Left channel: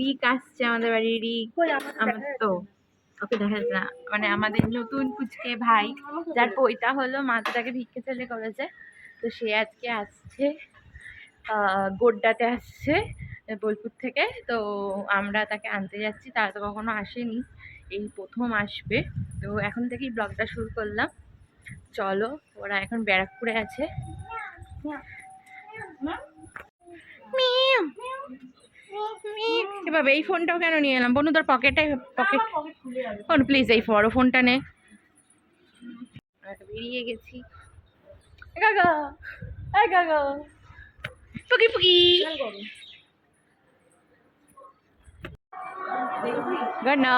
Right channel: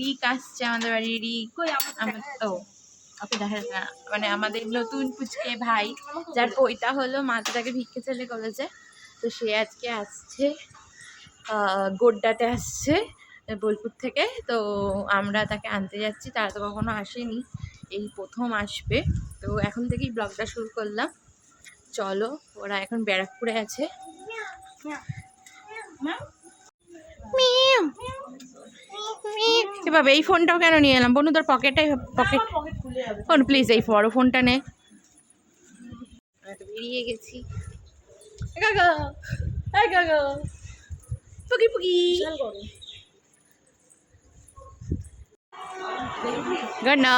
রিক আসছে আমাদের বাড়ি। রিক আমার তো ওকে দেখা যাচ্ছে না, মানে আমাদের নতুন পুচকে ভাই যার পৈতা হলো, মা তো তাকে ভিক্ষে ছেলে করেছে, তো সে আজকে আসছে গোড্ডাতে আসছে বোলপুর থেকে। তো আমরা তাকে আনতে যাচ্ছি, তারা তো কখনো আসেনি, এই প্রথম আসবে। তো এখন থেকেই ব্লগটা শুরু করলাম। চলো, ওরা এখন ব্যারাকপুরে আছে। এভাবে এই ফোনটাও কেন নিয়ে এলাম বনু, তোর পকেট খুলে যাবে। প্লিজ এই বড় ফোনটা নে। বেরিয়ে গেছি। গাগা এই গাগা পুকি পুকি গানা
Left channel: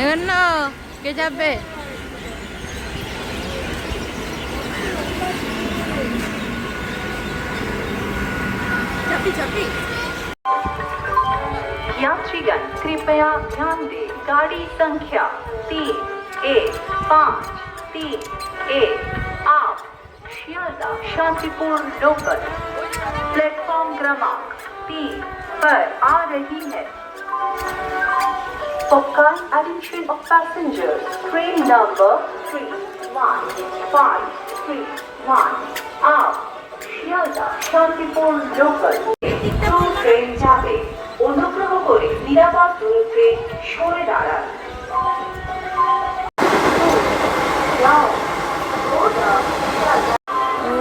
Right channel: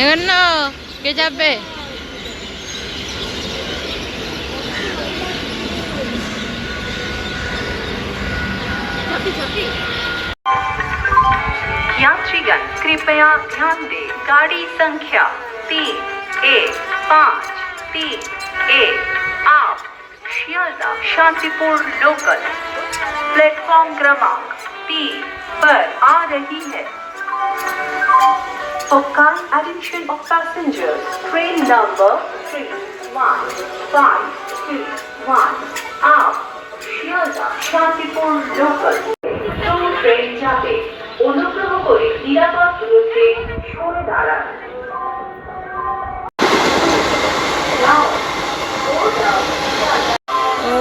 এখন না কে যাবে? यात्रीगण कृपया ध्यान दें, गाड़ी संख्या 315331 आप शियालदह शांतिपुर लोकल प्लेटफॉर्म क्रमांक 3 पर आ रही है। For kind attention of passengers, train number 31531 आप শিয়ালদহ শান্তিপুর লোকাল ট্রেন যাবে। অনুগ্রহ করে নিরাপদ দূরত্বে সরে দাঁড়ান।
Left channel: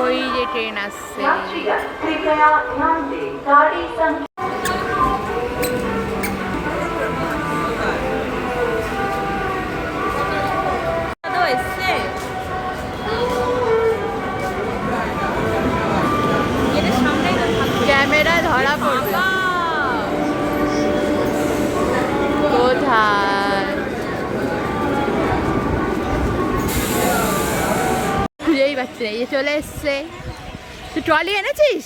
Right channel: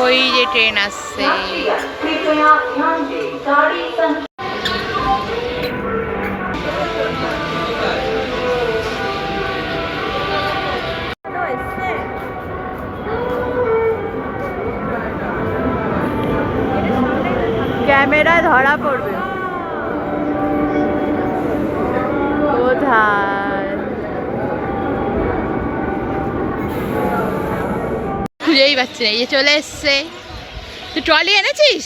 ওই যে ট্রেন আসছে। कृपया ध्यान दें, गाड़ी संख्या ক্যামেরা ধরা পড়বে কোথায়, খুঁজেই পাচ্ছি না। এই যে চলে এসছে। তুই ট্রলি এনেছিস?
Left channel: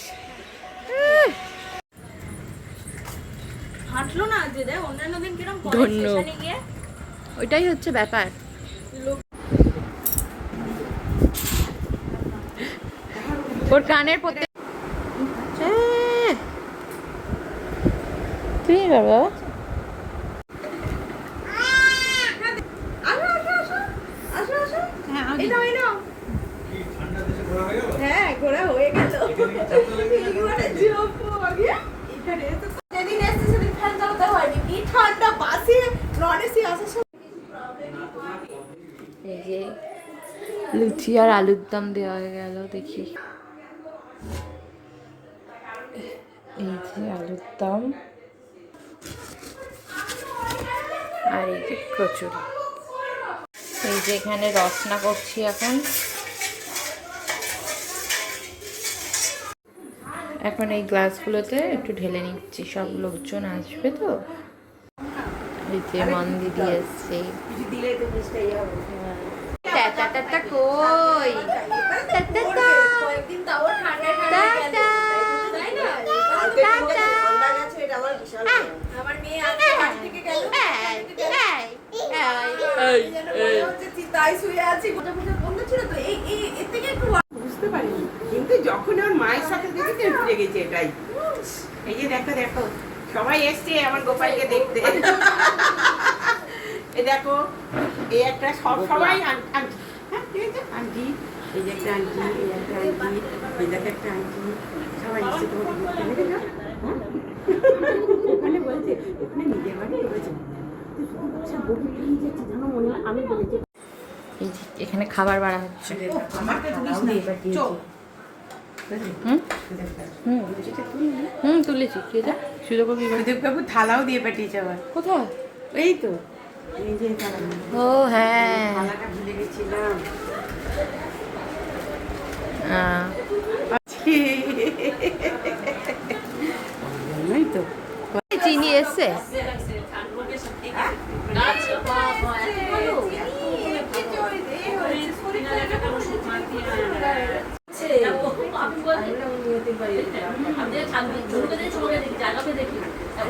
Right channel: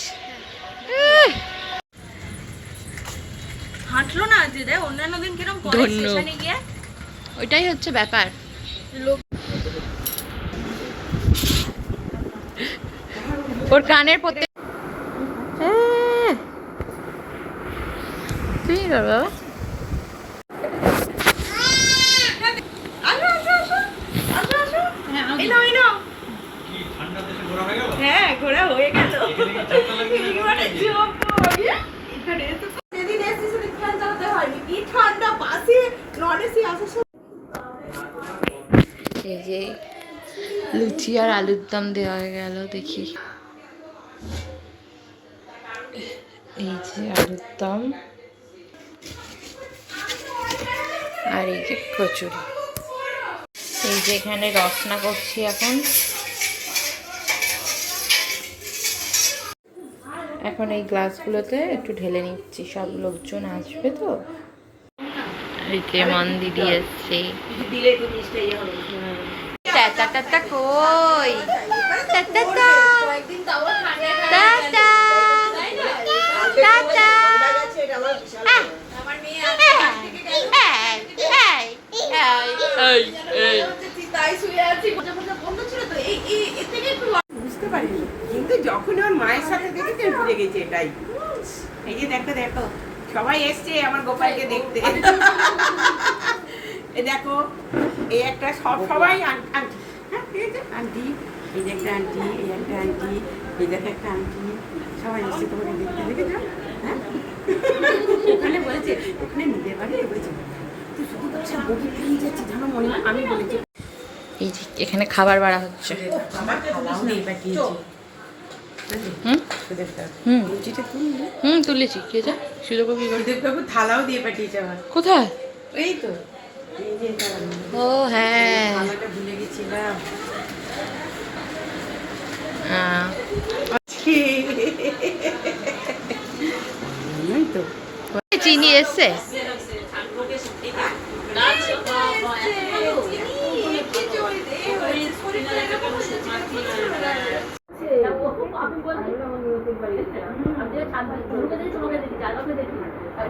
হাঁটলো না যে দেখ অন্যান্য দিন কিরকম করে ধন্য। স্টেশনে গিয়ে ওইটাই হচ্ছে ব্যাপার। ওর কানের পড়তে তুমি করবে বাবা? হ্যাঁ ঘোরা হয়ে গেল। একেবারে জব্বর। এখানে তো যেদিন এসেছি সেদিন ফ্যান চালাতে হয়নি, কি ঠান্ডা বাসে নন এসি আসার সময়। এই যে লুচি আর আলুর দম দেওয়া হয়ে গেল, দেখি। এই যে আলুর দম আর এই যে কচুরি। এই যে এখানে রসনা করছি এখন। এখন এই গ্লাসগুলোতে একটু ঢেলে নিচ্ছি, সব লোকজন আসবে তো। এই যে মন দিদি এসছে। টাটা কই টাটা টাটা টাটা। বুঝতে পারিনি, কিন্তু যখন ওর মায়ের সাথে দেখেছি বুঝে গেছি এটাই। এই যে দেখো দেখো সবাই এসছে আমার গোপালকে দেখতে। এই দেখো এই একটা সবাই আন্টি, হ্যাঁ ঠিক আছে আন্টি, এই যে একটা আন্টি, এই একটা আন্টি, এই দেখো একটা আন্টি, সবাই এসছে তোমাকে দেখতে, দেখেছো? হ্যাঁ ওখানে বলেছে, ওখানে নিজের বাড়ি বলেছে তুই শুধু বলছে বগি পেয়ে যাচ্ছি জানো মনে হয়। আমি বলেছি এই যে এখানে খাবার বাড়া হচ্ছে। তুলেছি। কে যা সুযোগবাবু থালাও দিয়ে পাঠিয়েছে আবার। কোথায়? এই তো ও হ্যাঁ, ভুলে গেছিলাম। চিনি এসছে।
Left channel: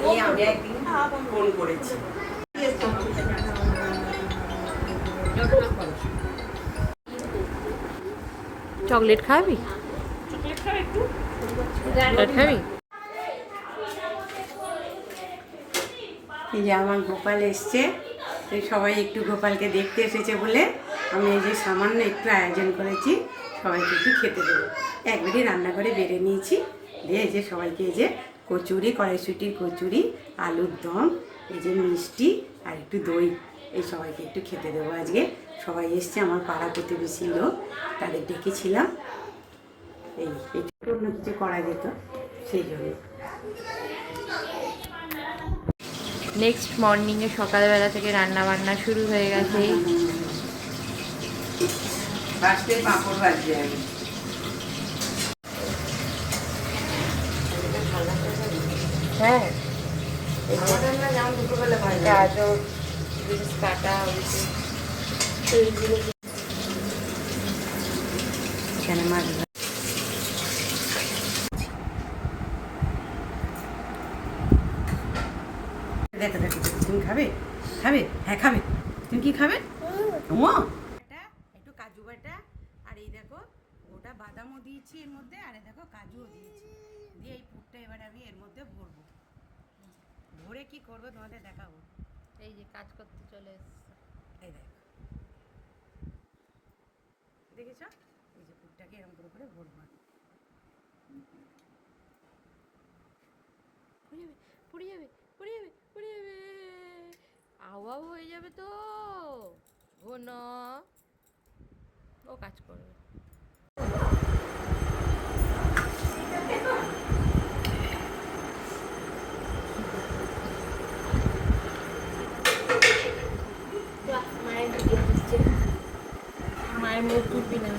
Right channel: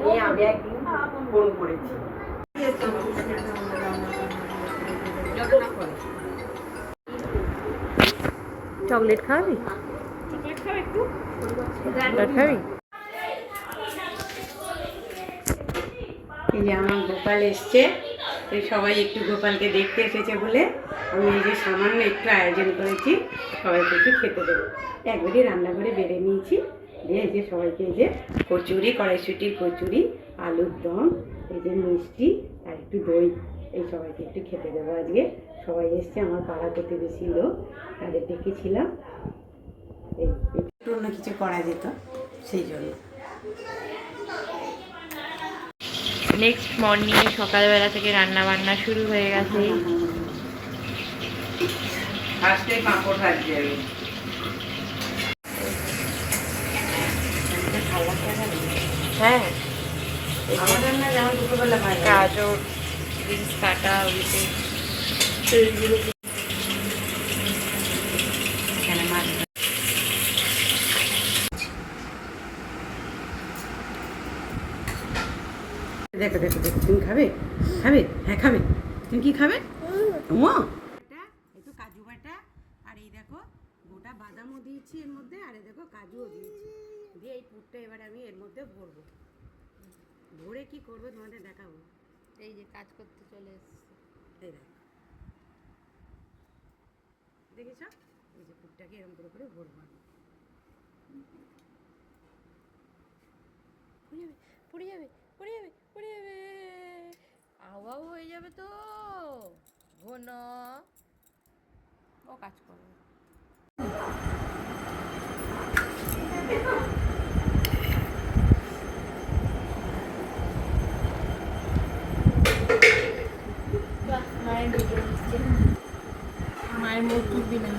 এই আমি একদিন ফোন করেছি। চকলেট খাবি? চকলেট খাবি? এই যে আমার গোপাল এসছে, এই সবাই একটু গোপালকে দেখতে এসেছে বলে আমি এই যে সামান্য একটু আয়োজন করেছি, সবাইকে একটু খেতে দেবো। একবারে রান্নাঘরে বেড়ে নিয়েছি, দিয়ে এই যে সবাইকে এই যে কচুরি, কড়াইশুটির কচুরি, আলুর দম, এই যে মিষ্টি আর একটু দই, এই সবাইকে একটু খেতে দেবো। আজকে সবাই এসছে, আমার পাড়া প্রতিবেশী লোক, তাদের ডেকেছিলাম। একটু অন্য কিছু করা যেত সেই জন্য। নেক্সট মর্নিংয়ে সকালবেলা থেকে রান্না বান্না শুরু হয়ে গেছে। ফার্স্টে পাঁপড় ভাজছি আমি। হ্যাঁ, আমাদের না যেমন দুপুরবেলা ভাজা। গাজর বিনস কাটা হয়েছে। এখানে মাছ ভাজা। দেখো দেখো দেখো, তুমি খাবে? খাবে? হ্যাঁ খাবে। তুমি কি খাবে? ও একটু কাজু বাটা, আর এই দেখো গোটা বাদামও দিয়েছি এর মধ্যে, আর এই দেখো কাজুও দিয়েছি, দিয়ে এই পুরটা এবার আমি এর মধ্যে ভরবো। ভরে কি করবো তোমাদের দেখাবো। এই যে কাজ করতে চলে এসছে। এই দেখো, দেখেছ? এই যে পুরটাকে এরকম করে করে ভরবো আমি। পুড়ে যাবে, পুড়ে যাবে, পুড়ে যাবে, পুড়ে যাবে, আওয়াও হয়ে যাবে তো। ঘন ও কাজ করবে। মায়ের ভিডিও দিচ্ছে, মায়ের মুখ খুলবি না।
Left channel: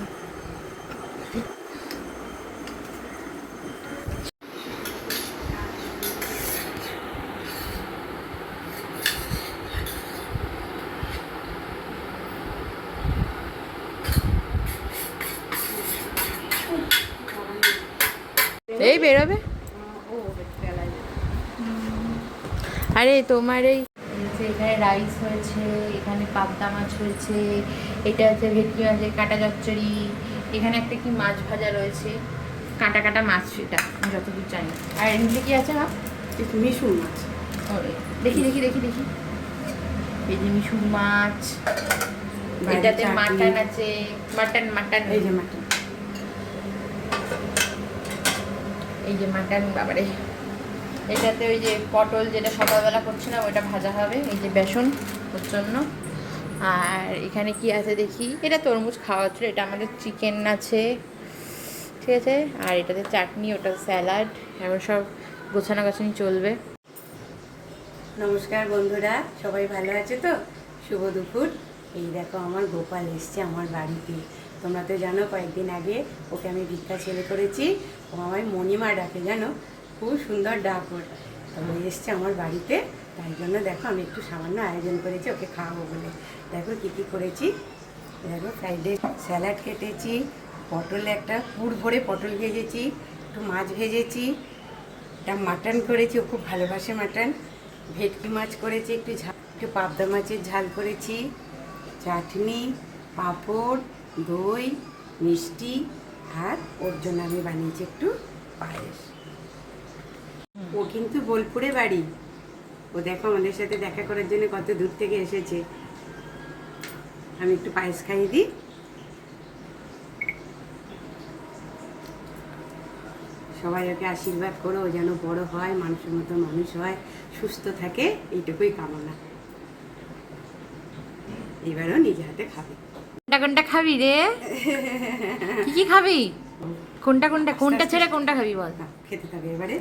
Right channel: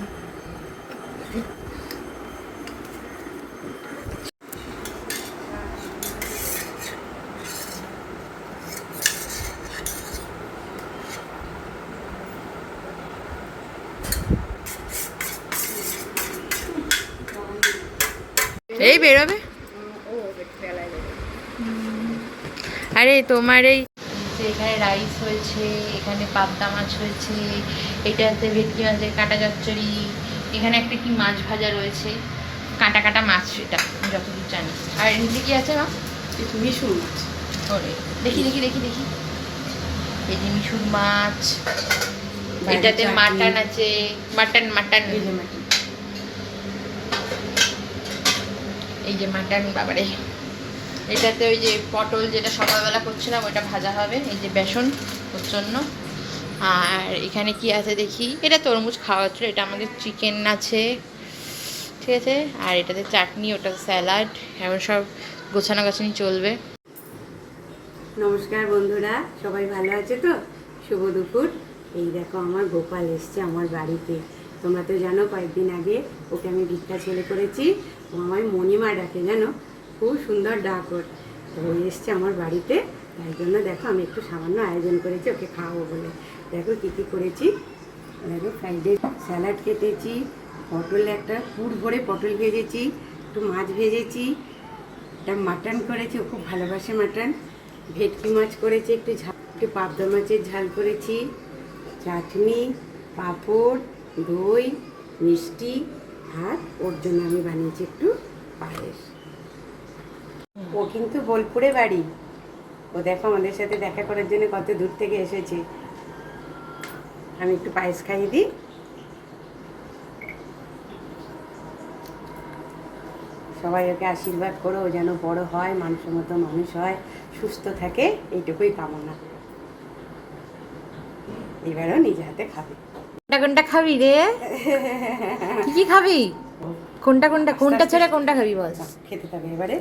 এই বেরোবে। আরে তোমার এই যে এখানে রাইস হয়েছে, এখানে পাবদা মাছ হয়েছে, এটা হচ্ছে ভেটকি মাছের কাঁটা চচ্চড়ি, এখানে একটা কি মাছ ভাজা রয়েছে, কাঁটা কাঁটা মাছ, এটা আমি যতদূর জানি। আর নিচে কি আছে মা? মিশুর মাছ। ওরে দেখি দেখি দেখি দেখি, এই যে মিশুর মাছ, এটাতে মাটন আছে, মাটন মাটন, এই যে মাটন, এই যে মাটন, বাবারে। এটাতে ওই যে পটল যেটা সকালবেলা করছিলাম ওইটা ভাজা হবে, এই যে বেসন ওর জন্য। আর এখানে কি আছে দেখি, এটা তরমুজ খাওয়া হচ্ছিল, এটা আমাদের চিকেন আছে, ঠিক আছে। আর এটাতে চাটনি, ওটা স্যালাড, এমন সব গোছানো গাছানি চলবে। নমস্কার বন্ধুরা, সবাই ভালো আছে তো? শুভ দুপুর। এই দেখো আমার গোপাল এসছে আমার বাড়িতে। তোমরা তো জানো কয়েকদিন আগে ওকে আমি ভিক্ষা ছেলে করেছি, ও আমায় মণিমা ডাকে, জানো, খুব সুন্দর ডাক ওর। তো ও এসছে আমার বাড়িতে, তাই জন্য দেখো আমি একটু সামান্য আয়োজন করেছি ওকে খাওয়াবো বলে। দেখো কী কী করেছি, দেখো ফ্রাইড রাইস, স্যালাড কেটেছি, পটল একটা পুর ভরে পটল ভেজেছি, একটু মাছ ভেজেছি, একটা মাটন করেছি, ও খুব ভালোবাসে মাটন, ভেটকি মাছ করেছি, একটু একটু পাবদা মাছের ঝাল করেছি, চাটনি, পাঁপড়, দই, মিষ্টি, আর ওর জন্য আমি বানিয়েছি একটু পায়েস। ও কিন্তু বোলপুরে বাড়ি। ও দেখো আমাদের সাথে দেখা করার জন্য কত দূর থেকে এসেছে। আমি একটু পায়েস খাইয়ে দিই। সবাই ওকে আশীর্বাদ করো, ও যেন বড় হয়, মানুষের মতো মানুষ হয়, সুস্থ থাকে, এইটুকুই কামনা। এবারও নিজে হাতে খাবে। কোনটা কোনটা খাবি রে? কি কি খাবি? কোনটা কোনটা, কোনটা ছেড়ে কোনটা খাবি বল? খেতে থাকবে এবারে,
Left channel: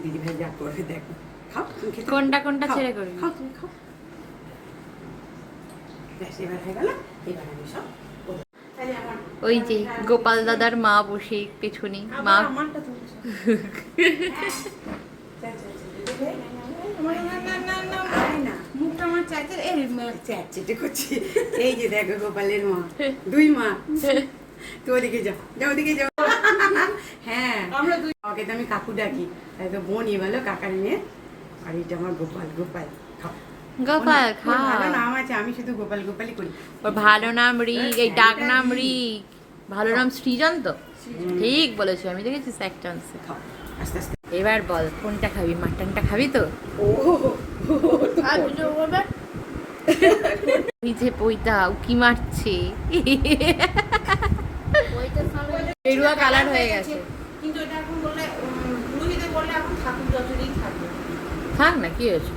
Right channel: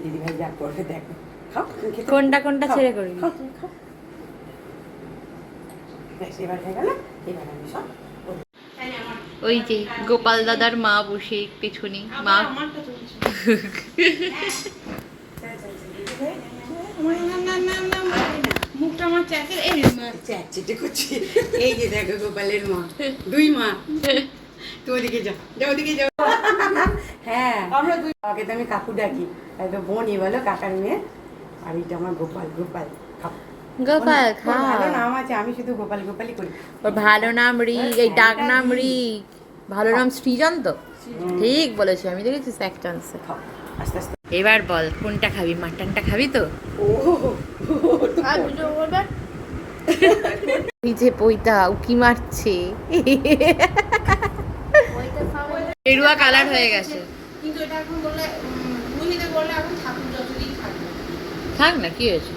দিদিভাই যা করবে দেখো। খাও, তুমি খেতে কোনটা কোনটা ছেড়ে করবি? খাও, তুমি খাও। ব্যাস, এবার হয়ে গেল, এবার আমি সব করবো। ওই যে গোপাল দাদার মা বসে পেছনে, মা চ্যাটচেটে করছি। এই যে দেখো গোপালের মা, দুই মা। তো ওদিকে যাও, যাও ওদিকে যাও। হ্যাঁ আমাকে তো আমি কাকু ডাকি, তাই তো বোন বলো কাকার মেয়ে, আর এটা আমার গোপাল। গোপাল খাও। গোপাল ওর খা। ভালো নাম আছে, আমি শুধু গোপাল গোপালই করি। ওর ভালো নাম রিক, এই ডাক নাম রিক, ভালো নাম সৃজন তো? ঠিক বলেছি, আমি দেখেছি এক চান্সে। খাও আস্তে আস্তে। এবার বল কোনটা খাবি, মাটনটা খাবি তো? ও এই যে পইতা উকি মারছে, গেরুয়া কালার হয়ে গেছে। কিন্তু এটা এখন বললে রুহিদের বললে এখন ঠাকুর যতদিন থাকবে। থাক না, কি হয়েছে?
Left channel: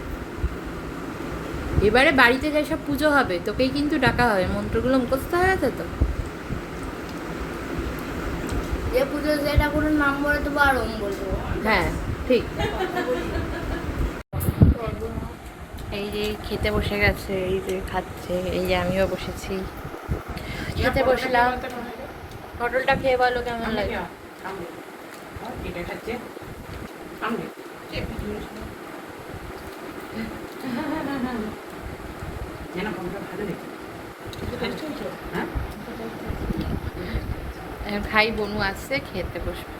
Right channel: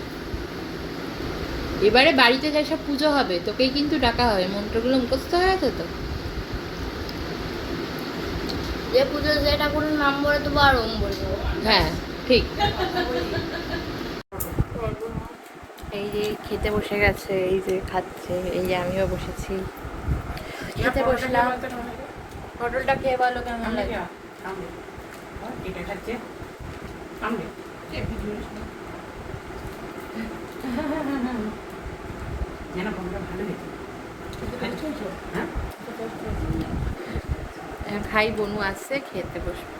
এবারে বাড়িতে যেসব পুজো হবে তোকেই কিন্তু ডাকা হবে, মন্ত্রগুলো মুখস্থ হয়ে গেছে তো? যে পুজো সেটা কোনো নাম বলে তো আর ওম বলবো। হ্যাঁ ঠিক। এই যে খেতে বসে গেছে, এই যে খাচ্ছে, এই যে আমিও বসেছি, খেতে বসলাম। পটলটা খেয়ে বলো কেমন লাগে। এটা হচ্ছে এখন খাই, বনু আসছে, খেতে বসবো।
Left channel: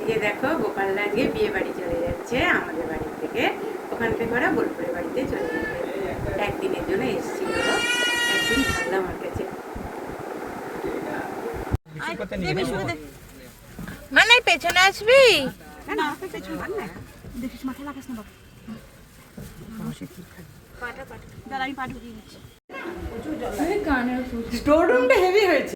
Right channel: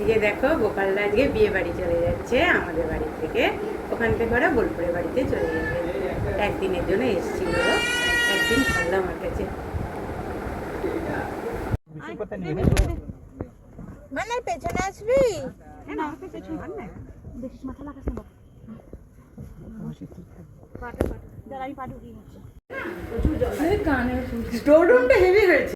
এই যে দেখো গোপাল আজকে বিয়ে বাড়ি চলে যাচ্ছে আমাদের বাড়ি থেকে, ওখানকে করা বোলপুরের বাড়িতে চলে যাবে। একদিনের জন্য এসেছিল, একদিন ভালো আমার কাছে। মানে পেছনে আসবি? স্টোর রুমটা হেভি হয়েছে।